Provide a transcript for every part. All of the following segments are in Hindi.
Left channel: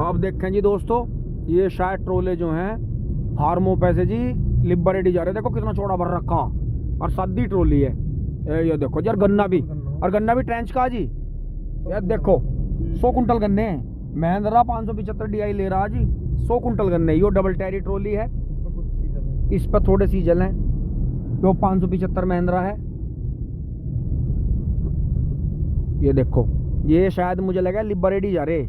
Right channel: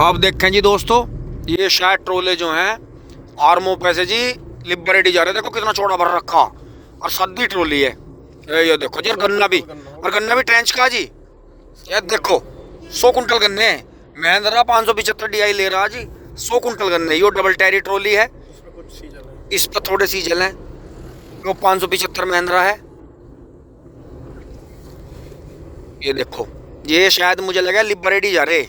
अब देखें जी दोस्तों, ये शायद ट्रोले जो हैं फार्मों पे से जी लिबरेटी जा रहे। देखो कितना चौड़ा भर रखा और सद्दी ट्रोली है। ये देखो जी, और गन्ना भी ट्रेंच का जी। ये देखो 100 कुंटल गन्ने हैं। महिंद्रा 575 DI ले रहा जी 100 कुंटल गन्ने। यो डबल टैरी ट्रोली है, इस पर थोड़े सीजल हैं। वो 575 महिंद्रा है। ये देखो, ये शायद मुझे लगा लिबरेटी जा रहे।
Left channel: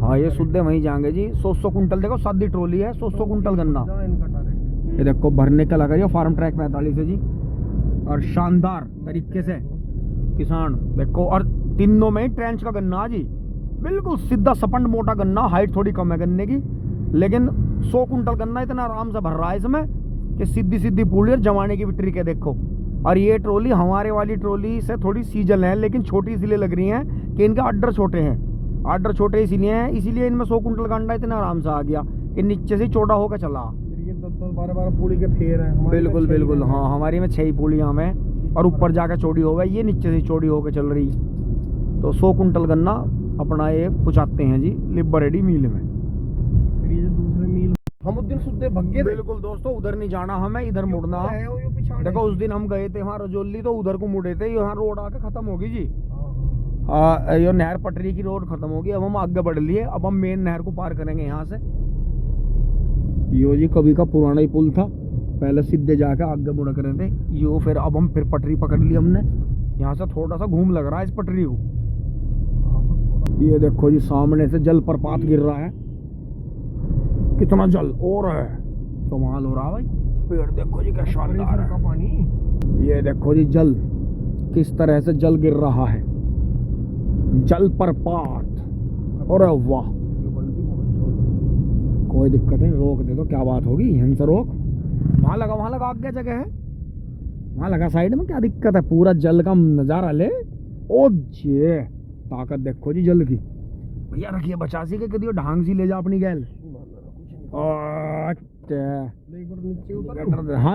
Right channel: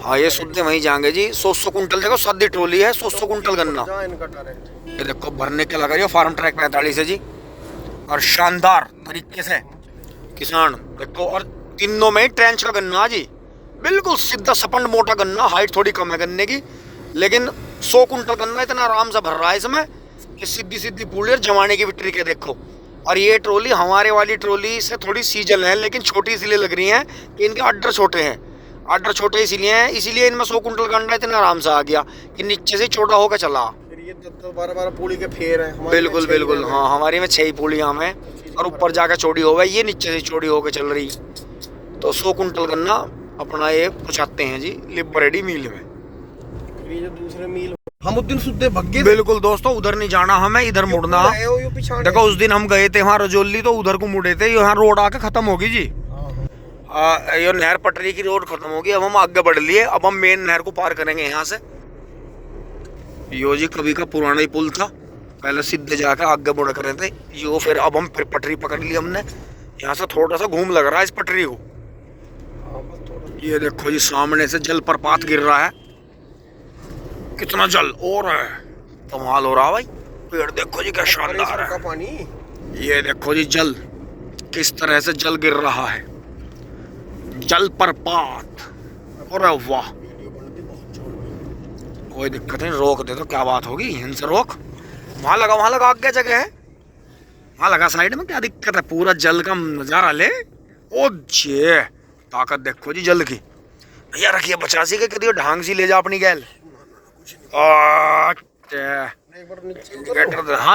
हाँ ये शुद्ध वहीं जाएंगे जी। 100 कुंटल देखो सद्दी ट्रोली है, 100 कुंटल गन्ना। ये देखो भरने के लगा रही है फार्म ट्रैक 45 है जी। और शानदार तरीके से किसान देखो, और तीनों में ट्रेंच का गन्ना जी, बिल्कुल सीधा सपंड मोटा गन्ना। हाइट थोड़ी कम है गन्ने की, लेकिन 100 कुंटल गन्ना इतना आराम से भर रहा है इसमें कि सीधी सीधी पूड़ी और जमाने की भी ट्रिक है देखो। और ये ट्रोली हमारे वाली ट्रोली से थोड़ी सीजल है, लेकिन छोटी इसलिए लग रही है कि इनके अड्डर छोटे हैं। अड्डर छोटे इसीलिए हैं, इसीलिए इनमें 100 कुंटल गन्ना इतना आराम से आ गया कि नीचे से चौड़ा होकर चला। ये 12 पूड़ी के फेर हैं। बिल्कुल बिल्कुल, हाँ हमारी में 6 पूड़ियाँ में, और ऊपर जाकर चौड़ी हो गई, ये नीचे से चौड़ी होकर चल रही। तो 100 कुंटल गन्ना अपना ये पहुँचाते हैं जी लिबरेटी मिल में। ये जो दूसरे मिल हम उस दिन सुते भग्गे। बिल्कुल दोस्तों, उधर नहीं जाना हमें, इधर मुड़ना। देखो उस दिन हम गए थे वहाँ रजौली, तो उधर को मुड़े थे। यहाँ रोड आके खत्म होगी जी। ये नहर पटरी की रोड खत्म होगी। अब हम आगे बढ़ लिए, अब हम मेन नहर को पार करेंगे यहाँ से। यो जी कभी का पुराना ही पुल था, पहले सीधे जाकर आगे बढ़ कर रहे थे यो। फिर अब हम फिर पटरी पकड़ ली हमने। यहाँ से थोड़ा सा घूम लग रहा है इस पटरी को। ये देखो जी सामने से जल प्रपात गिर रहा है। कितना जल और है, कमाल हो रहा है भाई। पेड़ देखो जी क्या शानदार है। पानी ये देखो जी जल किस तरह से जल गिर रहा है, जल प्रपात। और वाह, कोई दिक्कत नहीं, रोक दे तो क्या बात होगी। यहीं से रोक, वहां लगा आगे जगह है, वहां लगा साइड में, क्या दिक्कत है। पूरा जल का नजारा ले। ओ जे ताकत देखो जी जल की। भैया रखिए 85 के करिए, ढांग सी ले जा अपनी गैल। हाँ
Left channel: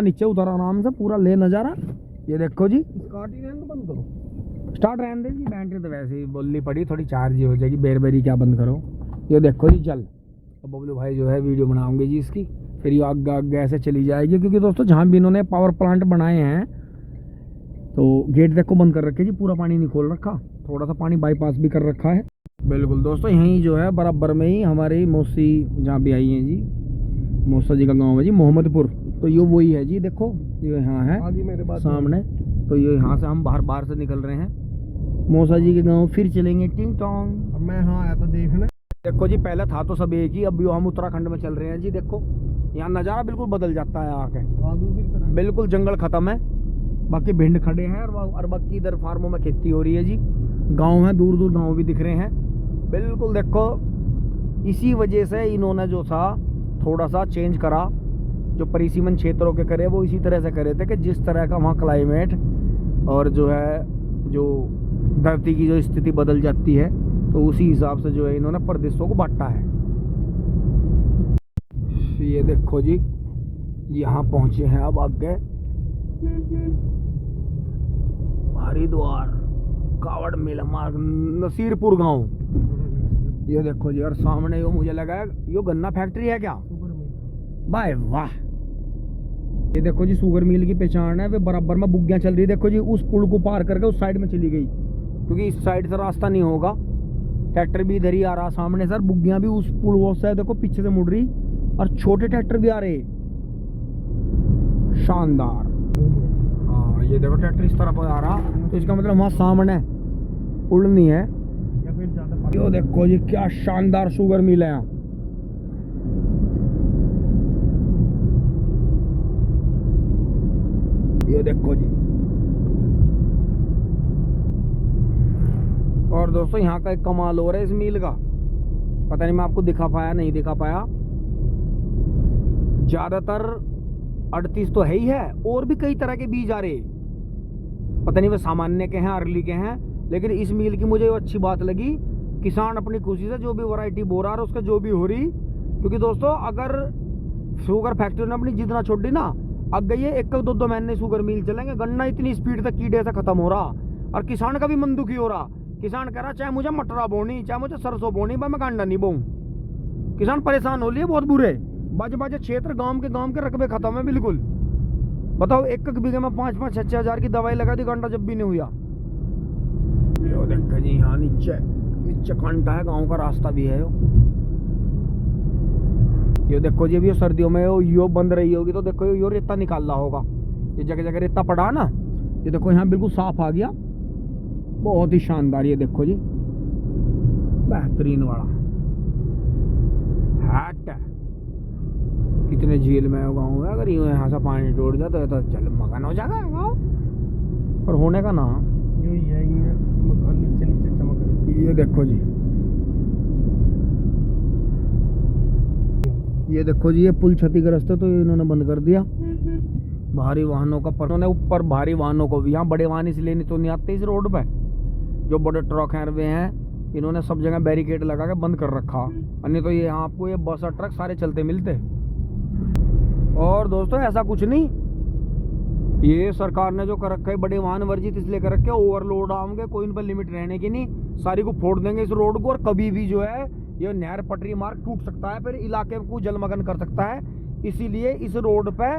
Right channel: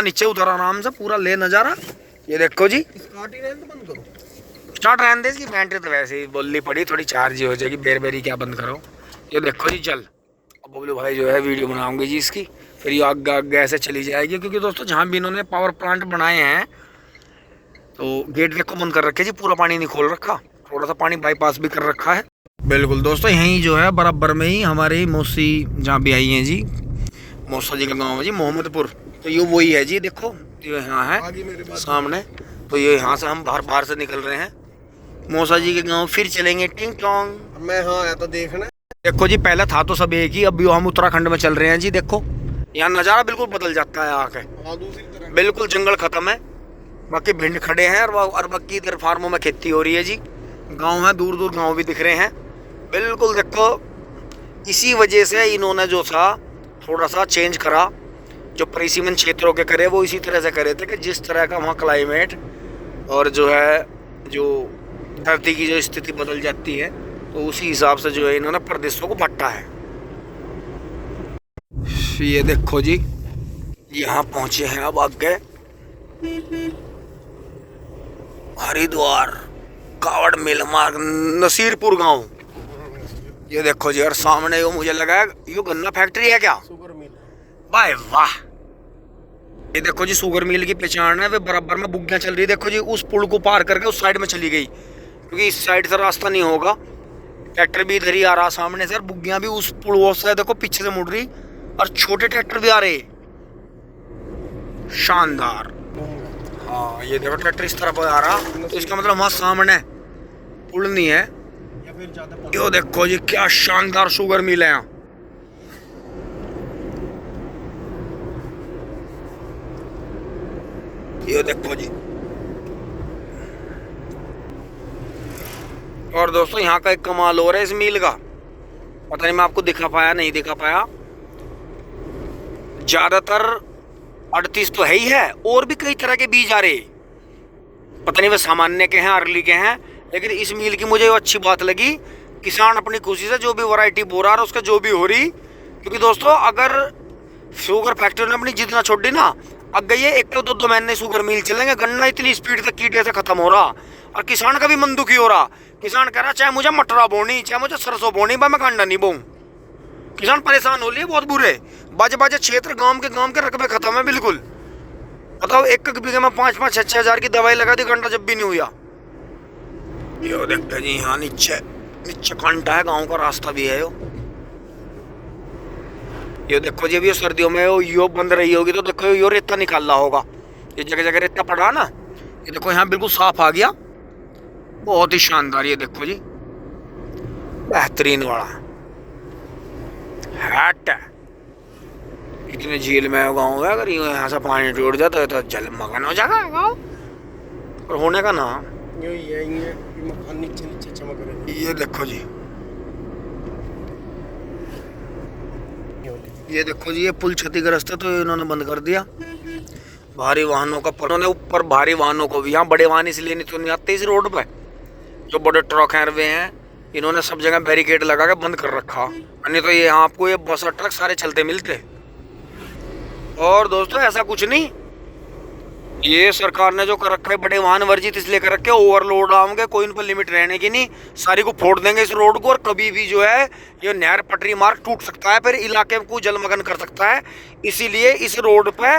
नीचे उतर आराम से, पूरा ले नजारा। ये देखो जी, स्टार्ट रहने दे इसकी बैटरी तो वैसे ही बोलनी पड़ी, थोड़ी चार्ज हो जाएगी। बेरी क्या बंद करो। ये देखो जी जल। अब बबलू भाई जो है वीडियो बनाऊंगे जी इसकी, फिर ये आगे ऐसे चली जाएगी। क्योंकि दोस्तों जहाँ भी इन्होंने पावर प्लांट बनाए हैं तो गेट देखो बंद कर रखे जी, पूरा पानी नहीं खोल रखा, थोड़ा सा पानी बाईपास भी कर रखा है। बिल्कुल दोस्तों, यहीं जो है बराबर में ही हमारी मौसी जहाँ भी आई हैं जी, मौसा जी का गाँव है जी मोहम्मदपुर। तो ये वही है जी, देखो ये यहाँ है सामने। तो ये यहाँ से हम बाहर से निकल रहे हैं मौसा जी के गाँव, फिर चलेंगे टिंग टोंग। मैं हाँ आया तो देखना। देखो जी पहले था तो सब एक ही, अब हम उत्तराखंड में चल रहे हैं जी। देखो यहाँ नज़ारा बिल्कुल बदल जाता है आके। दूसरी तरफ बिल्कुल जंगल खत्म है, बाकी भिंड खड़े हैं, और बाकी इधर फार्मों में खेती हो रही है जी। गांव है, दूर दूर गांव भी दिख रहे हैं। बिल्कुल देखो, इसी वजह से इन्होंने जो था थोड़ा सा चेंज करा, जो परिसीमन क्षेत्रों के करे वो इसी तरह से करे थे कि जिस तरह का वहाँ क्लाइमेट और जो है जो धरती की जो स्थिति बदल जाती है, तो उसी हिसाब से जो है इन्होंने प्रदेशों को बांटा है। ये देखो जी यहाँ पहुँचे हैं अब आगे हरिद्वार कावड़ मेल मार्ग नसीरपुर गांव। ये देखो जी, और सामने यो मुझे लगा यो गन्ना फैक्ट्री है क्या। बाय वाह, ये देखो जी शुगर मिल की पहचान है। वे बराबर में बुग्गियां चल रही, देखो जी उस पुल को पार करके उस साइड में चली गई, क्योंकि इस साइड से रास्ता नहीं होगा। ट्रैक्टर भी इधर ही आ रहा सामने से, बुग्गियां भी उस पुल से देखो पीछे से मुड़ रही, और छोटे ट्रैक्टर भी आ रहे। शानदार। हाँ ये देखो ट्रैक्टर इस तरफ आ रहा, तो इसका मतलब वहाँ सामने पुल नहीं है। यो देखो जी क्या शानदार शुगर मिल है यहाँ। ये देखो जी, और दोस्तों यहाँ का एक कमाल हो रहा है इस मिल का, पता नहीं मैं आपको दिखा पाया नहीं दिखा पाया। ज्यादातर 38 तो है ही है, और भी कई तरह के बीज आ रहे, पता नहीं वे सामान्य के हैं अर्ली के हैं, लेकिन इस मिल की मुझे अच्छी बात लगी। किसान अपनी खुशी से जो भी वैरायटी बो रहा है उसका जो भी हो रही, क्योंकि दोस्तों अगर शुगर फैक्ट्री ने अपनी जितना छोड़ दी ना, अगर ये 1-2 महीने शुगर मिल चलेंगे, गन्ना इतनी स्पीड से कीड़े से खत्म हो रहा, और किसान का भी मन दुखी हो रहा किसान कह रहा चाहे मुझे मटरा बोनी, चाहे मुझे सरसों बोनी, मैं कांडा नहीं बोऊं। किसान परेशान हो लिए बहुत बुरे। बाजे क्षेत्र गांव के रकबे खत्म है बिल्कुल। बताओ, एक बीघे में 5-5, 6-6 हजार की दवाई लगा दी, कांटा जब भी नहीं हुआ। यो देखते जी, यहाँ नीचे कांटा है, गांव का रास्ता भी है। यो देखो जी, अभी सर्दियों में यो बंद रही होगी तो देखो यो रेता निकाल रहा होगा। ये जगह जगह रेता पड़ा ना, ये देखो यहाँ बिल्कुल साफ आ गया, बहुत ही शानदार। ये देखो जी, बेहतरीन वाला हैट है। कितने झील में गाँव है, अगर यहाँ से पानी टूट जाता है तो जलमग्न हो जाएगा गाँव। और होने का ना ये मकान नीचे चमक रहे। ये देखो जी, ये देखो जी, ये पुल क्षतिग्रस्त है तो इन्होंने बंद कर दिया। भारी वाहनों का उन्होंने ऊपर भारी वाहनों को भी, यहाँ बड़े वाहन इसलिए नहीं तो नहीं आते इस रोड पे, जो बड़े ट्रक हैं वे हैं, इन्होंने सब जगह बैरिकेड लगा के बंद कर रखा। नहीं तो ये आपको ये बस और ट्रक सारे चलते मिलते। और दोस्तों ऐसा कुछ नहीं, ये सरकार ने जो कर रखा है बड़े वाहन वर्जित इसलिए कर रखे, ओवरलोड आएंगे, कोई इन पर लिमिट रहने की नहीं, सारी को फोड़ देंगे इस रोड को। और कभी भी जो है ये नहर पटरी मार्ग टूट सकता है, फिर इलाके को जलमग्न कर सकता है। इसीलिए इस रोड पे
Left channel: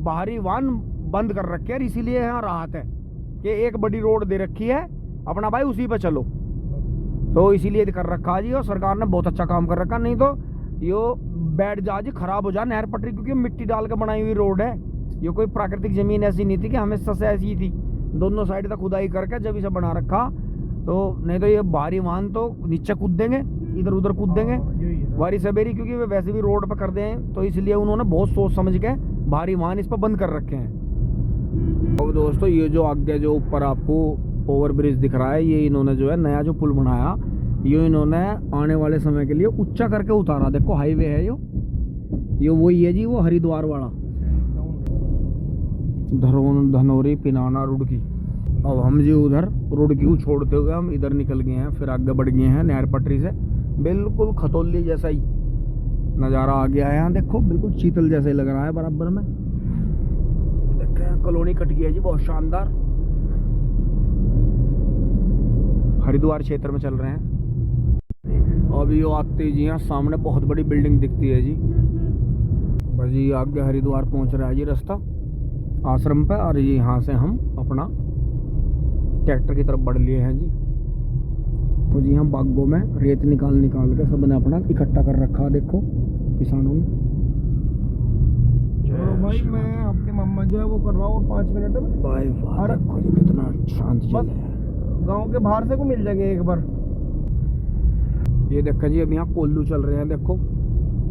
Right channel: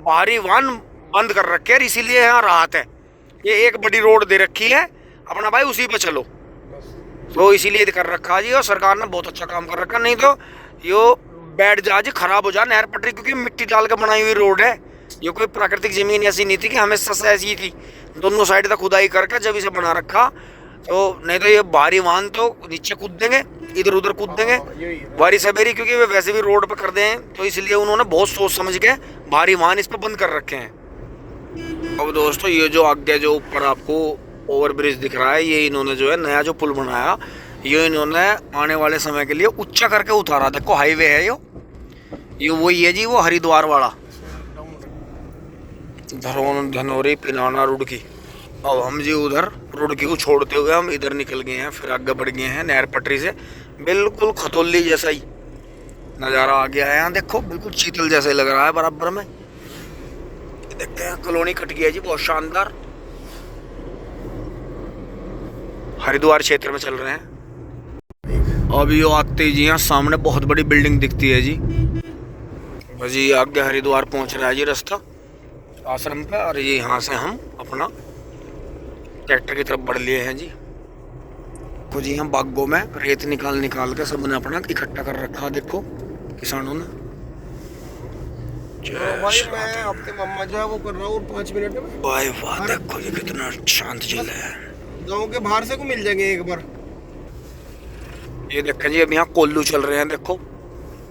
भारी वाहन बंद कर रखे हैं, इसीलिए यहाँ राहत है। ये एक बड़ी रोड दे रखी है, अपना भाई उसी पे चलो, तो इसीलिए कर रखा जी। और सरकार ने बहुत अच्छा काम कर रखा, नहीं तो यो बैठ जा जी, खराब हो जा नहर पटरी, क्योंकि मिट्टी डाल के बनाई हुई रोड है। ये कोई प्राकृतिक जमीन ऐसी नहीं थी कि हमेशा से ऐसी थी, दोनों साइड तक खुदाई करके जब इसे बना रखा। तो नहीं तो ये भारी वाहन तो नीचे कूद देंगे, इधर उधर कूद देंगे भारी सवेरी, क्योंकि वे वैसे भी रोड पे कर दें, तो इसलिए उन्होंने बहुत सोच समझ के भारी वाहन इस पर बंद कर रखे हैं। अब दोस्तों, ये जो आगे जो ऊपर आपको ओवर ब्रिज दिख रहा है, ये इन्होंने जो है नया जो पुल बनाया, ये इन्होंने आने वाले समय के लिए ऊंचा करके उतारा। देखो हाईवे है ये वही है जी, वो हरिद्वार वाला धनौरी पिनाना रुड़की। अब हम जी उधर रुड़की को छोड़ते हुए हम इधर निकल गए हैं, फिर आगे बढ़ गए हैं नहर पटरी से। बिल्कुल खतौली जैसा ही नज़ारा आ गया है यहाँ, देखो बिल्कुल चीतल जैसा ही लग रहा है बराबर में। देखते हैं कॉलोनी कट गया जी, बहुत शानदार। हरिद्वार क्षेत्र में चल रहे हैं। अभी यो आते ही जी यहाँ सामने बहुत बड़ी बिल्डिंग दिखती है जी, बस जी आगे हरिद्वार पहुँच रहा है जी रास्ता आश्रम पे। और ये यहाँ से हम अपना ट्रैक्टर की तरफ बढ़ लिए हैं जी। कुछ यहाँ बागों में रेत निकाल के सबने अपना इकट्ठा कर रखा, देखो किसानों ने। भाई मैं आपके मम्मा जो है वो कर रहा हूँ 5 मिनट में। भाई वाह, देखो जी कितना शांत जल है। गांव के बाहर से को मिल जाएंगे एक बार। ये देखें जी, अब यहाँ कोल्लू चल रहे हैं, देखो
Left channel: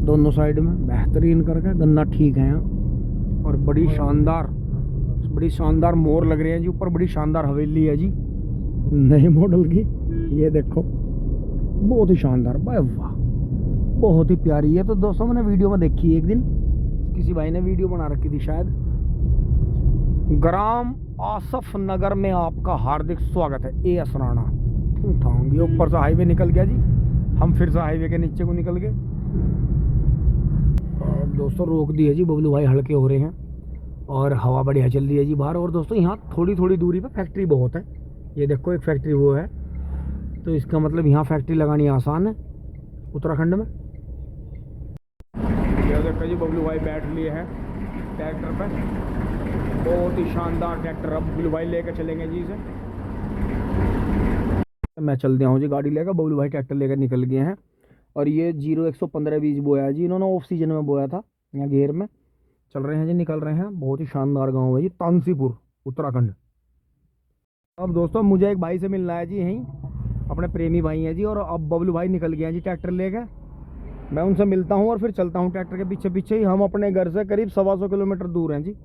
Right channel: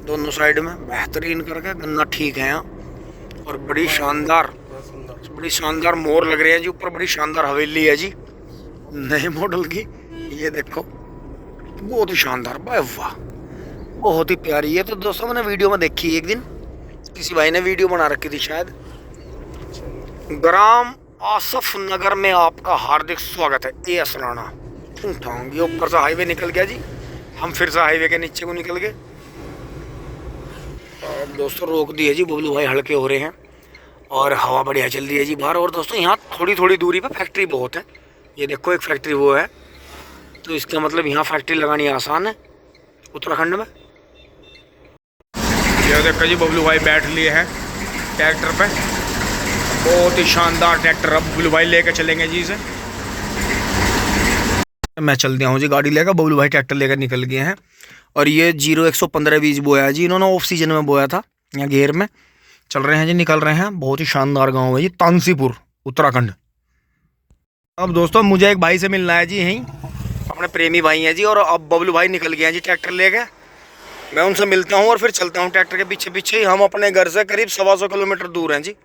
दोनों साइड में बेहतरीन करके गन्ना ठीक है यहाँ। और बड़ी शानदार मोर लग रहे हैं जी ऊपर, बड़ी शानदार हवेली है जी नए मॉडल की। ये देखो बहुत ही शानदार, भाई वाह बहुत ही प्यारी है। तो दोस्तों मैंने वीडियो में देखी एक दिन, किसी भाई ने वीडियो बना रखी थी शायद। ग्राम आसफ नगर में आपका हार्दिक स्वागत है, ए असराना। ये ऊपर से हाईवे निकल गया जी, हम फिर से हाईवे के नीचे को निकल गए। दोस्तों रोक दिए जी, बबलू भाई हल्के हो रहे हैं और हवा बढ़िया चल रही है जी बाहर। और दोस्तों यहाँ थोड़ी दूरी पर फैक्ट्री बहुत है, ये देखो एक फैक्ट्री वो है, तो इसका मतलब यहाँ फैक्ट्री लगानी आसान है उत्तराखंड में। ये देखो जी बबलू भाई बैठ लिए हैं ट्रैक्टर पे, बहुत ही शानदार ट्रैक्टर। अब बबलू भाई लेकर चलेंगे जी इसे। मैं चल दिया हूँ जी गाड़ी लेकर, बबलू भाई ट्रैक्टर लेकर निकल गए हैं। और ये 0115 बीज बोया जी इन्होंने, ऑफ सीजन में बोया था, यहाँ घेर में चल रहे हैं जी, निकल रहे हैं। बहुत ही शानदार गांव है जी, तानसीपुर उत्तराखंड। अब दोस्तों मुझे एक भाई से मिलना है जी, यहीं अपने प्रेमी भाई हैं जी। और अब बबलू भाई निकल गए हैं जी ट्रैक्टर लेके, मैं उनसे मिलता हूँ और फिर चलता हूँ ट्रैक्टर के पीछे पीछे ही। हम अपने घर से करीब 125 किलोमीटर दूर हैं जी।